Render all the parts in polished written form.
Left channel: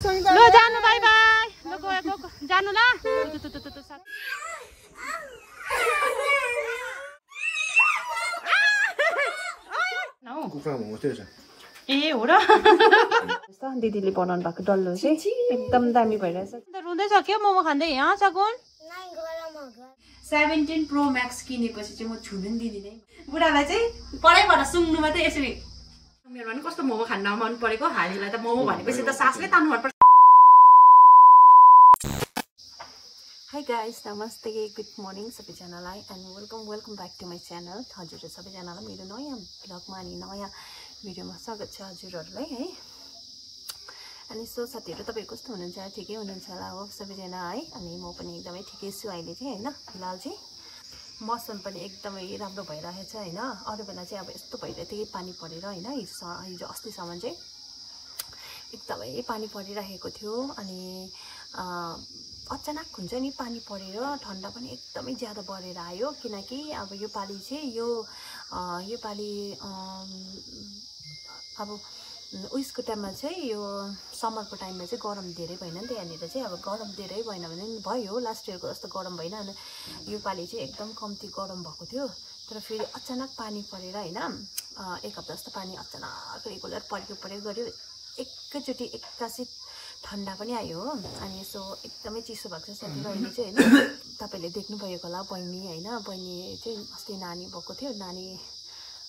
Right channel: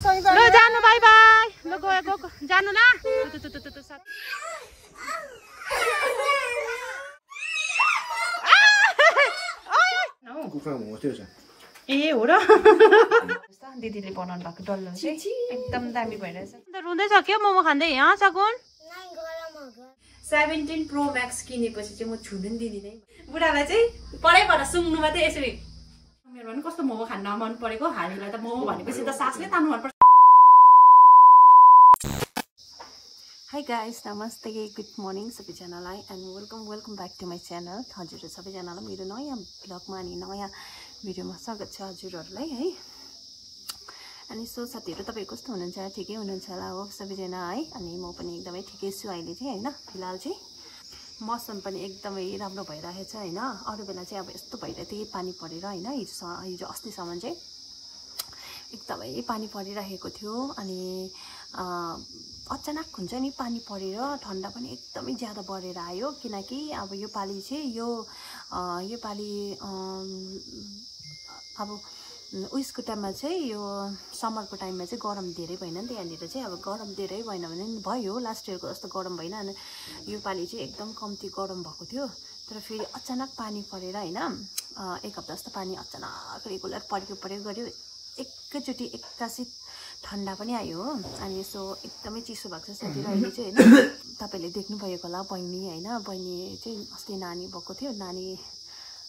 ल जानु by by ल गयो जानु ल कुखुरा मोमो त्यो छ ए हो र दिदीले बनाउनु भएको डल्लो चाहिँ एकदम दामी भइरहेछ रुँदैछ के मोमो खाँदै यहाँ सकुन 17 प्रो म्याक्स किनेपछि चाहिँ म छुनु नि दिदिनै बुढालाई चाहिँ पढाइबाट सुङ्नु मात्रै यसरी मेरो पनि कस्तो मोमो खान मन परेको हामीलाई त मोमो भनेपछि त सासले तान्नु मन पर्छ हाई गाइस नमस्ते गुड मर्निङ सबैजनालाई and welcome back to my channel हजुर सबैजनालाई मेरो नयाँ ब्लगमा अनि नयाँ भिडियोमा स्वागत छ हजुरहरूलाई है अनि सो साथीहरू तपाईँ कस्तो हुनुहुन्छ ठिकै हुनुहुन्छ होला हो सबैजना है अनि म पनि एकदमै ठिकै छु अहिले चाहिँ होइन फिलहाल चाहिँ मौसम पनि एकदमै राम्रो भइरहेछ होइन अरू बेला चाहिँ अब यस्तो भइरहेको थियो पानी परेर होइन हिजो अस्तिसम्म चाहिँ एकदमै पानी परिरहेको थियो अनि अचानक हुन्छ नि पानी परेर ठन्डा पनि एकदमै ज्यादा बढेर आयो किनकि अब यो पालि चाहिँ यो पालि अब उयसको टाइममा चाहिँ यो समरको टाइममा चाहिँ गरम धेरै भएन नि त यहाँनिर चाहिँ अब गरम धेरै भएन भने पनि भयो लास्ट इयरको जस्तो गरम भएन अनि यो पालि चाहिँ एकदम कम्ती गरम भएको थियो तर फेरि अचानक पानी परेर होइन एक हप्ता जस्तो पानी अचानक रेगुलर परेको गऱ्यो एकैचोटि एक्कासी ठन्डा पनि आयो हो अनि यसो एकदमै चिसो भएको छ साथीहरू अहिले चाहिँ होइन तपाईँले देख्नुभएको होला बहिनी होइन बहिनी चाहिँ अस्ति नानी भएको थियो नानी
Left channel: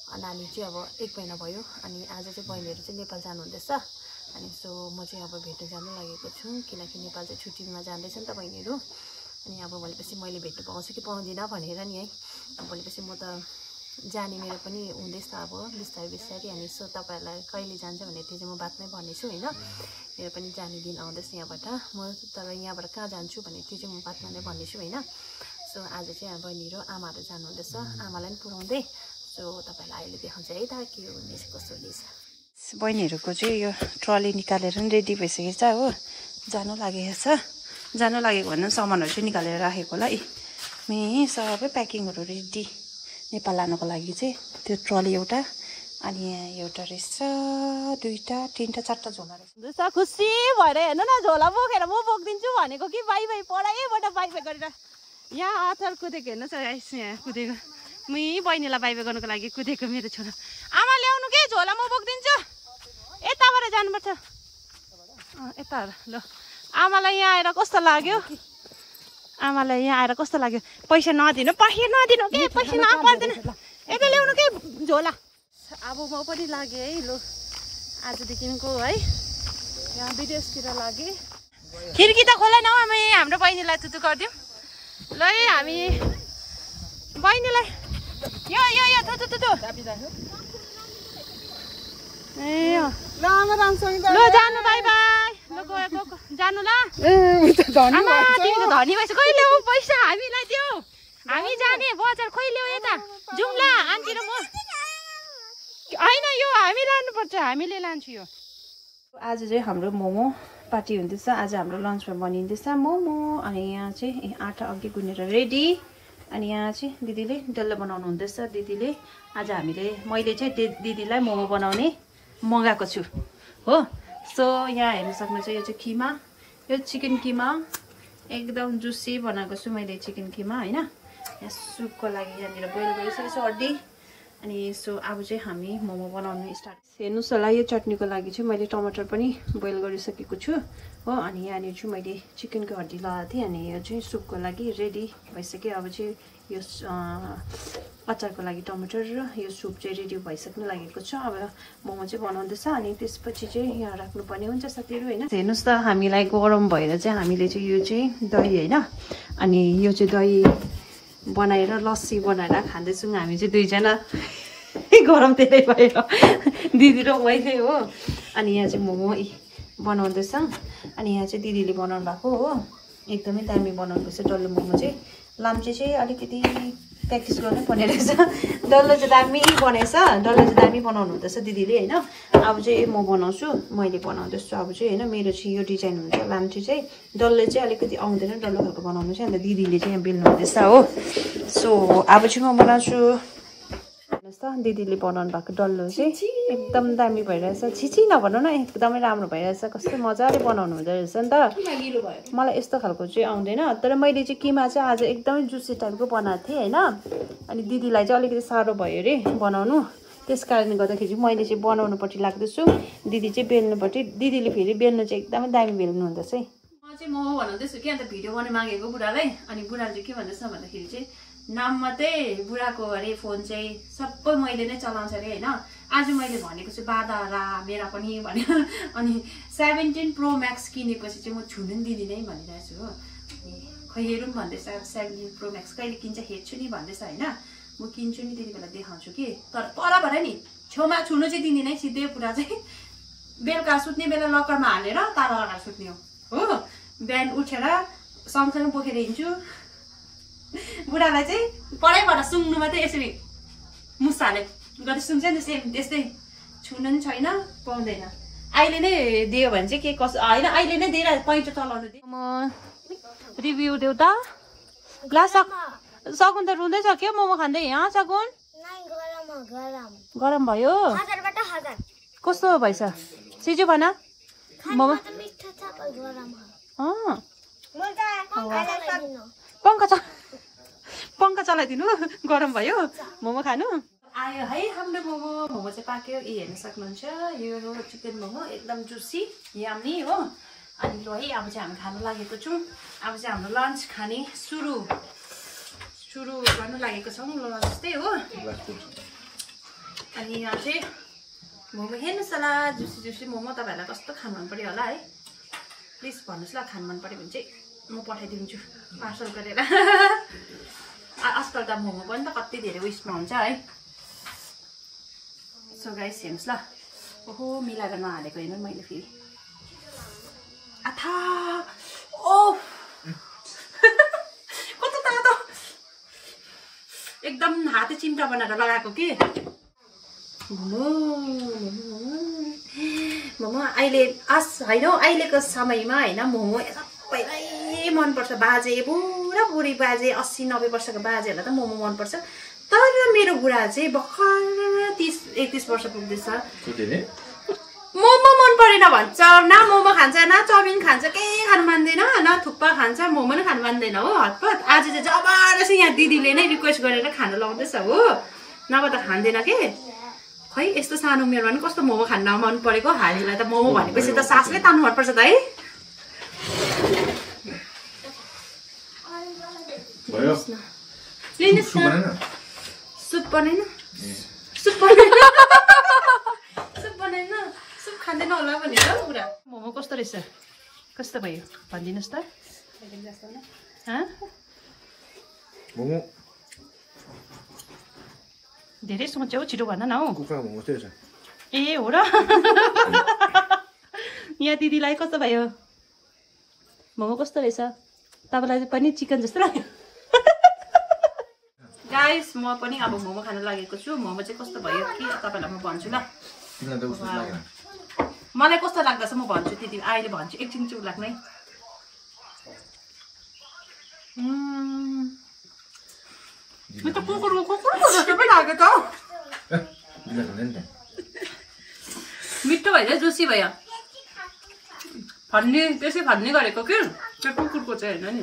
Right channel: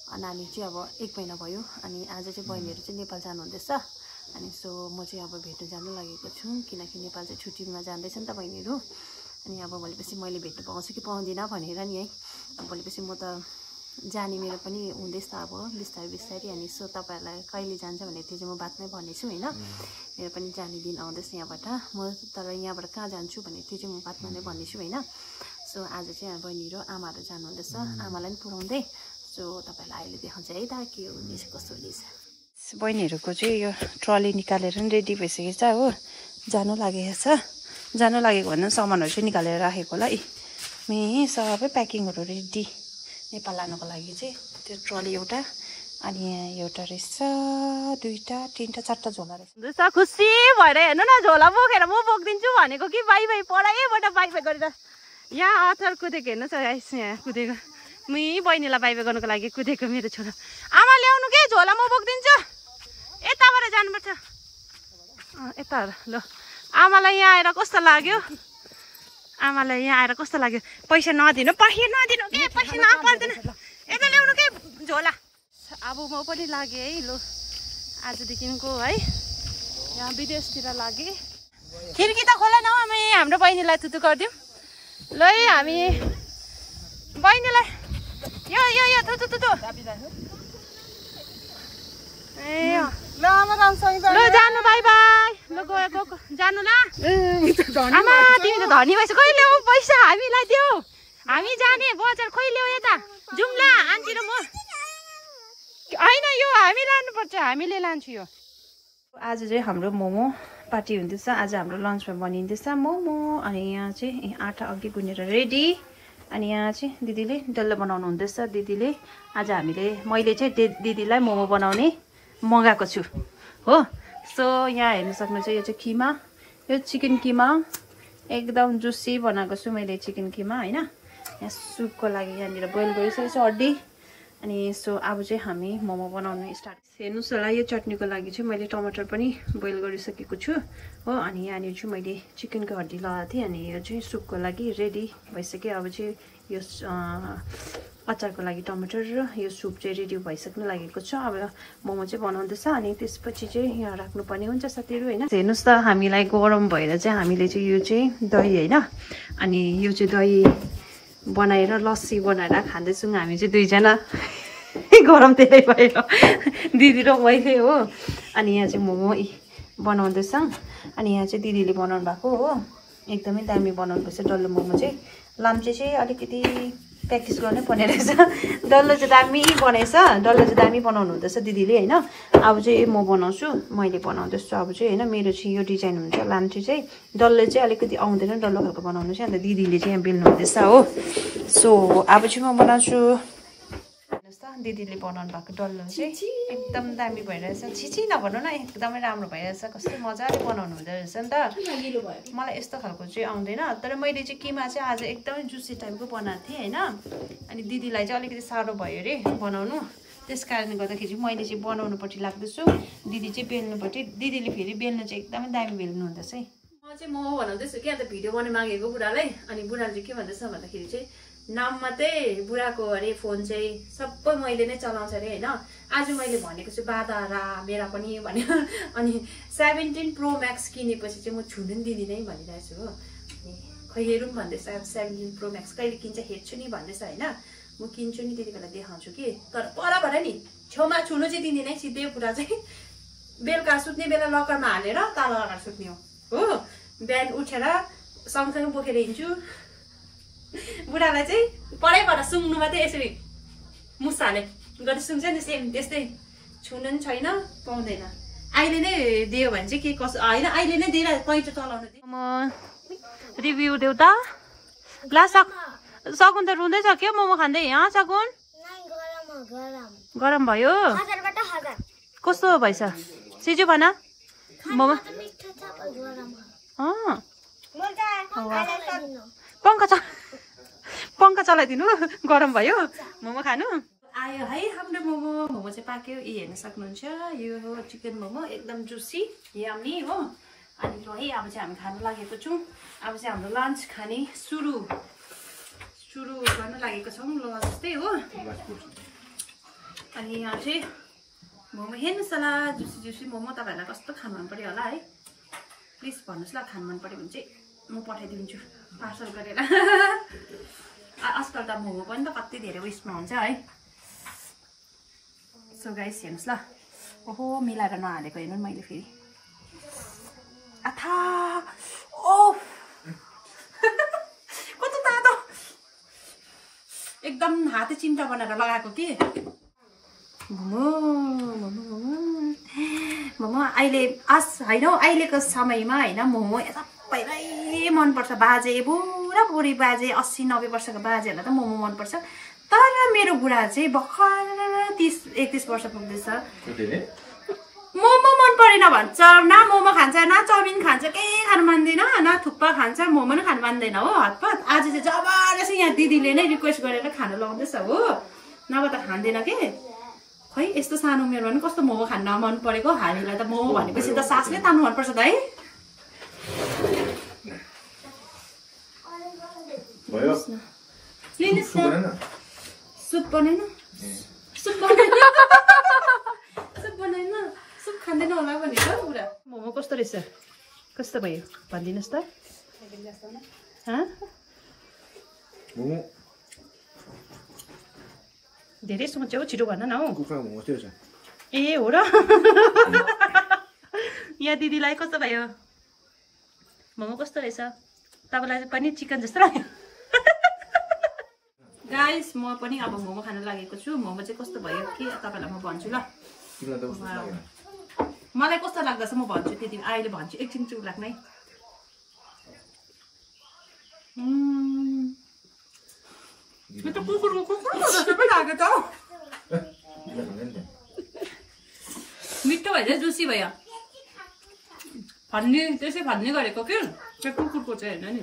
चाहिँ अब 1 महिना भयो अनि आज चाहिँ बहिनीहरू चाहिँ नेपाल जानुहुँदैछ अनि सो म चाहिँ अब भेट्न जानु लागेको छु किनकि नेपाल चाहिँ छुट्टीमा जाँदैछ नि त बहिनीहरू अनि अब भोलिपछि मैले भेट्नु पाउँछु कि पाउँदिनँ भनेर नि है अब भोलिपछि म त जाने मेरो पनि हुँदैछ अब बिस्तारै अनि सो तपाईँहरूलाई कहिले जान्छ भने त्यो चाहिँ म बादमै भन्नेछु होइन मेरो पनि जाने दिन आउँदैछ यहाँबाट म तर यहाँबाट कहाँ जान्छु भने त्यो चाहिँ म बादमा नै भन्नेछु होइन सो आज चाहिँ बहिनीहरू आमाहरू जानुहुँदैछ आमालाई पनि पुऱ्याउँदै सो तपाईँलाई अहिले देखाउँछ है त के हुनेछ कस्तो हुनेछ बहिनीहरूको चाहिँ यो ट्रली निकालेर पनि रेडी भइसकेको छ हो जानु लागेको भन्दा सामानहरू चाहिँ निकालेर राखेको होला मे सबै प्याकिङहरू रेडी नेपाल लानुको लागि चाहिँ त्यो ट्रली एउटा अनि यहाँ एउटा रहेछ 2टा 3टा 4टा झोला रहेछ खुसी भएर हेर्नु न झोला बोकेर म बोकिदिन्छु भनेको कि बाई पढाइबाट बाई गरेर यहाँ अथर कुदेको हेर्नुहोस् यहाँ कुदेको मै बहिनीलाई बाई गर्नुको लागि कुदेको मेरो छोरा आमा ल्याउनु के झोला म बोकिदिन्छु यताबाट जानुपर्छ यता ल आमालाई यहाँ आएर कस्तो लाग्यो पैसा नदिनु के पैसा नपर्दैन यता ल्याउनु के झोला अब म पनि लागेँ है लु आजदेखिको है यहाँ विदेशतिर लागेँ खिड्की त खोला न हामी हाम्रो बहिनीलाई तुतु गरिदिउँ ल है हामी बहिनीलाई यो तुतु ल जानु बाई बाई ल गयो जानु ल आमा तिमी त धनी भएछ खोइ ल्याऊ पैसा हामीलाई देऊ हामी जाने बजार खोइ ल्याऊ यता जाउँ ल आन्टी र म होइन यो हामी लानुपर्छ हामीले लान्छु यो आज चाहिँ हाम्रो मोमो पार्टी हुँदैछ आज हाम्रो लन्चमा बनिँदैछ मोमो अनि यहाँ चाहिँ आटा अघि गुनेर रेडी अनि यहाँ चाहिँ दिदीले डल्लो बनाउनु हुँदैछ दिदीले आज मैले चाहिँ दिदीलाई मोमो बनाउने मगाएको छु हो सो यहाँ हेर्नु सक्नुहुन्छ यो चाहिँ किमा यो चिकन किमा एकदम जुसी बनाएको छु मैले चिकन किमा होइन यहाँ सुपको लागि यहाँनिर बोइल गरिसकेको हड्डी अनि सो अब चाहिँ हामी मोमो बनाउनु स्टार्ट हेर्नुहोस् होला यो चटनीको लागि चाहिँ मैले टमाटर पनि बोइल गरिसकेको छु हो अनि यहाँनिर चाहिँ मैले चिकनको हड्डी लगाएको थिएँ अनि यो चाहिँ सुपको लागि रेडी भइसक्यो अब चाहिँ यो अचारको लागि टमाटर र यो सुप चाहिँ रेडी भइसक्नु लागेको छ अब मोमो चाहिँ बनाउँदैछ अनि त्यसपछि चाहिँ यहाँ राख्नुपर्ने हुन्छ साथीहरू होइन हेर्नुहोस् त हामीलाई गरम भएर चाहिँ हामीले चाहिँ यो चाहिँ दही होइन अनि यो चाहिँ दही बनाएर लस्सी बनाएर खाँदैछौँ हामी चाहिँ दुईजना गरम धेरै भयो दिदी र मैले हो अनि यहाँ चाहिँ मोमो बनाउँदैछ अनि यहाँ चाहिँ दिदीले बनाउनु भएको हो एकदमै दामी बनाउनु पर्छ डल्लो मोमो चाहिँ लाम्चे चाहिँ अलिकति प्र्याक्टिस गर्नै पर्ने रहेछ डल्लो चाहिँ दामी बनाउनु हुँदैछ दिदीले होइन अब चाहिँ म बनाउँछु मैले बनाउँदैछु अब चाहिँ होइन मेरो चाहिँ यो डिजाइन हुन्छ लाम्चे चाहिँ डल्लो चाहिँ अलिकति आउँदैन डल्लो खालको बनाउनु चाहिँ अन्त दिदीले चाहिँ यहाँ बेल्नु हुँदैछ हो सो अब चाहिँ म बनाउँछु हेर्नुहोस् त त दिदीले बनाउनु भएको डल्लो चाहिँ एकदम दामी भइरहेछ छिची नभन्नु न एकदमै राम्रो भइरहेछ कस्तो मजाले बनाउनु हुँदो रहेछ नि त मलाई यस्तो खालको चाहिँ आउँदैन तर मैले चाहिँ किमा चाहिँ आज एकदमै जुसी टाइपको बनाएको थिएँ होइन अनि दिदीलाई चाहिँ अलिकति साह्रो भयो अरे बनाउनु त्यस कारणले गर्दाखेरि चाहिँ मैले चाहिँ बनाउनुपट्टि लाग्दैछु दिदी चाहिँ बेल्नुपट्टि दिदीले फेरि बेल्नु चाहिँ एकदमै दामी बेल्नु हुँदैछ है म चाहिँ मोमो बनाउँदैछु कि अन्त भिडियो बनाउनु मागेको बुढालाई अनि बुढाले चाहिँ के भन्दैछ भन्दाखेरि चाहिँ नाम मात्रै बुढाको अरे फोन चाहिँ सबै मैले नै चलाउँछ अरे होइन आज मैले भनेको छु बाधा रा मेरा पनि भनेर अनि 17 प्रो म्याक्स किनेपछि चाहिँ म छुनु नि दिदिनँ भनिरहेको छु हो अनि खै हेरौँ भन्दैछ 17 प्रो म्याक्स कहिले किन्छ हेर्छु नि भन्दैछ होइन म किन्छु नि त्यति बेला देखाउँछु कि तर पर भएर नि छेउमा छुनु चाहिँ दिँदिनँ सिधै कुरा चाहिँ बेलुका सुत्ने बेला लकरमा हालेर ताला लगाएर सुत्ने हो बिहान उठेर सँगसँगै बोकेर हिँड्छु बुढालाई चाहिँ पढाइबाट सुँग्नु मात्रै यसरी मुसाले गरी सुन्छ नि सेम त्यस्तै छुनु पनि छैन पाउँदैन अहिले नै दियो भने चाहिँ के कसो होइन अहिले नै दिएर पैँचो चलाउनु दियो म रिभ्यू देऊ त ला सकुन त रुँदै छ क्या मोमो खाँदै यहाँ सकुन गरम भयो कस्तो भएछ सिजु भन मोमो पंखा चलाइदिनु गरम भयो मोमो खानु आयो है हाम्रो मोमो चाहिँ पाक्यो यी हेर्न सक्नुहुन्छ यो हो चिकन मोमो एकदम जुसी यम्मी हो अनि ल है अब चाहिँ हामी खानु लागेको छौँ अब चाहिँ हाम्रो लन्च खाने सुरु गर्न लागेको छौँ लन्च चाहिँ हो अनि यहाँ चाहिँ मोमो हेर्नुहोस् होला जुसी मोमो तपाईँहरूलाई कस्तो खानु मन पर्यो होला है प्लिज भन्नुहोस् ल खानु मन पर्यो भने चाहिँ म पठाइदिन्छु पार्सल गरेर आजकल त मोमो पनि त कति धेरै उयसमा हुन्छ है सो गाइस हेर्नुहोस् ल ओहो मिलाएर नहालेको हेर्नु मैले फेरि आथा ओ कस्तो तातो एकदम हाते चिम्टा बनाएर लगाएको कि मोमो अहिले होइन अहिलेको समयमा होइन मोमो सबैलाई मनपर्छ बाजे बुढा बुढी बाजे 80-90 वर्षको बाजेहरूलाई त मोमो मनपर्छ तर मेरो बुढा चाहिँ भर्खर 30-31 वर्ष पुग्दैछ मोमो मन परेन भन्छ न मोमो खान्छ न चाउमिन खान्छ केही खानु मान्दैन न थुक्पा खान्छ मोमो नै खानु मान्दैन हो हतपत आज चाहिँ जबरजस्ती यहाँ दिदीले नै रिक्वेस्ट गरेर खानु लाउँदैछ हो नभए त खाँदैन के खै यस्तो सानो उमेरमा पनि कस्तो मोमो खान मन परेको हामीलाई त मोमो भनेपछि त सासले तान्नु मनपर्छ त है सुप बनाएन सुप खाँदैन होला भनेर पुरा मोमो कस्तो रहेछ कस्तो भयो भनिदिनुहोस् त मोमो धेरै सोच्यौ छिटो भन न हौ कुखुरा मोमो चाहिँ रहेछ ए हो र यहाँ दिदीलाई कस्तो भयो मोमो कस्तो रहेछ तपाईँलाई पनि चिकन जस्तो लाग्यो गाइस म पनि अब मोमो खान लागेको छु मोमो चाहिँ कस्तो भयो कि तपाईँलाई म भन्छु ल मलाई कस्तो लाग्दैछ म भन्छु त्यति अहिले भन्छु एकछिन चुप लाग्नै म त कुकुरको जस्तो पो लाग्यो त मिठो भयो जुसी भयो भन्ने त्यसै भन्ने गरेको के कुकुरको चाहिँ होइन नि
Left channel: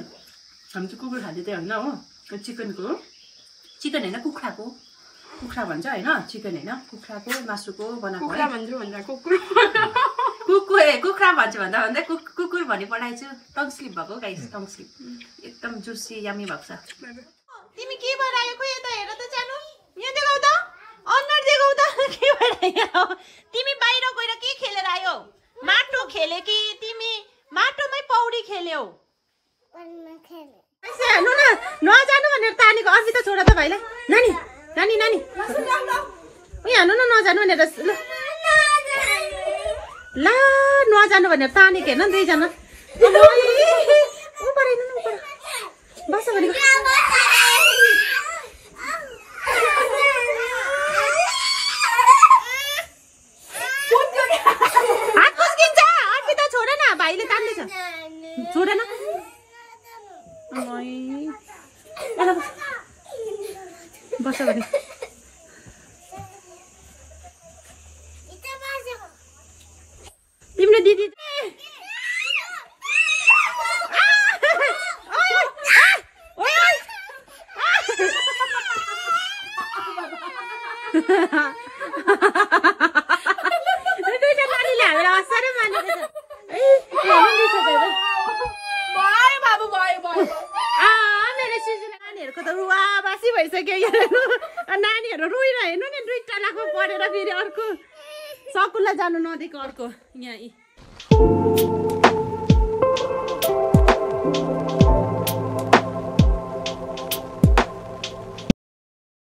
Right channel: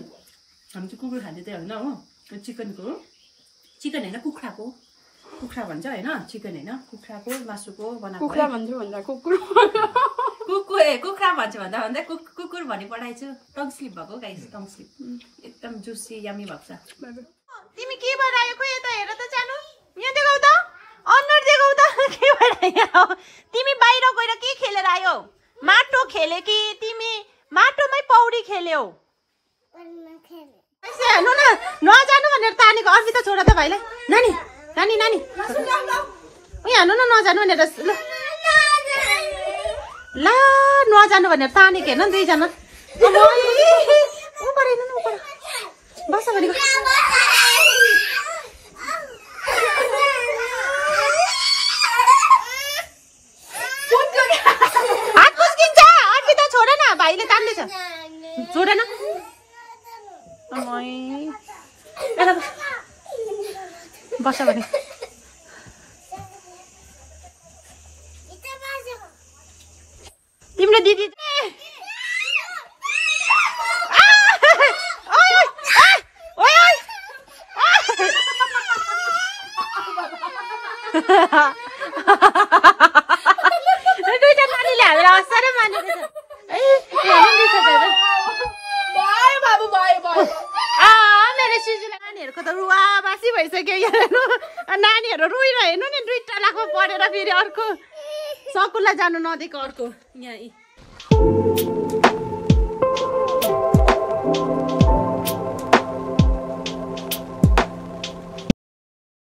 हामी चाहिँ कुकुर खाँदै होइन हो चिकनको चिकन होइन कुखुरा भन्छ होइन चिकन होइन कुखुराको मासुको बनाएको कुखुरा भन्छ भन्दा कुकुर भनी पठाएछु टङ स्लिप भएको गाइस टङ स्लिप एकदम जुसी यामी भएको छ तिमी के बनायो खै यता हेर त जानु यहाँ देखाउ त अनुहार देखाउ त के भइरहेको तिमी बाहिर गएर के खेलेर आयो माटो खेले कि तिमी माटोमै पौडी खेल्यौ हेर्नु न नजानु भनेर तानेको अस्ति त छोड त भाइलाई नानी नानी नानी उयो हाल्नु न नजानु भनेर ला नजानु भनेर तानेको हेर्न दुईजना बस हात कुस्किन्छ अर्पिता छोड न भाइले तान्दैछ छोड न बस भने तिम्रो दिदी दुईटा नानीले हामीलाई असारै मानेको मेरो सिजुलाई नानीहरूको त रुवाबासी भइसक्यो नानीहरू रोइरह हेर्नु नि दुईटा लाखमा पढेर फेरि अर्को सकुललाई जानु नदिएको अर्को यहाँ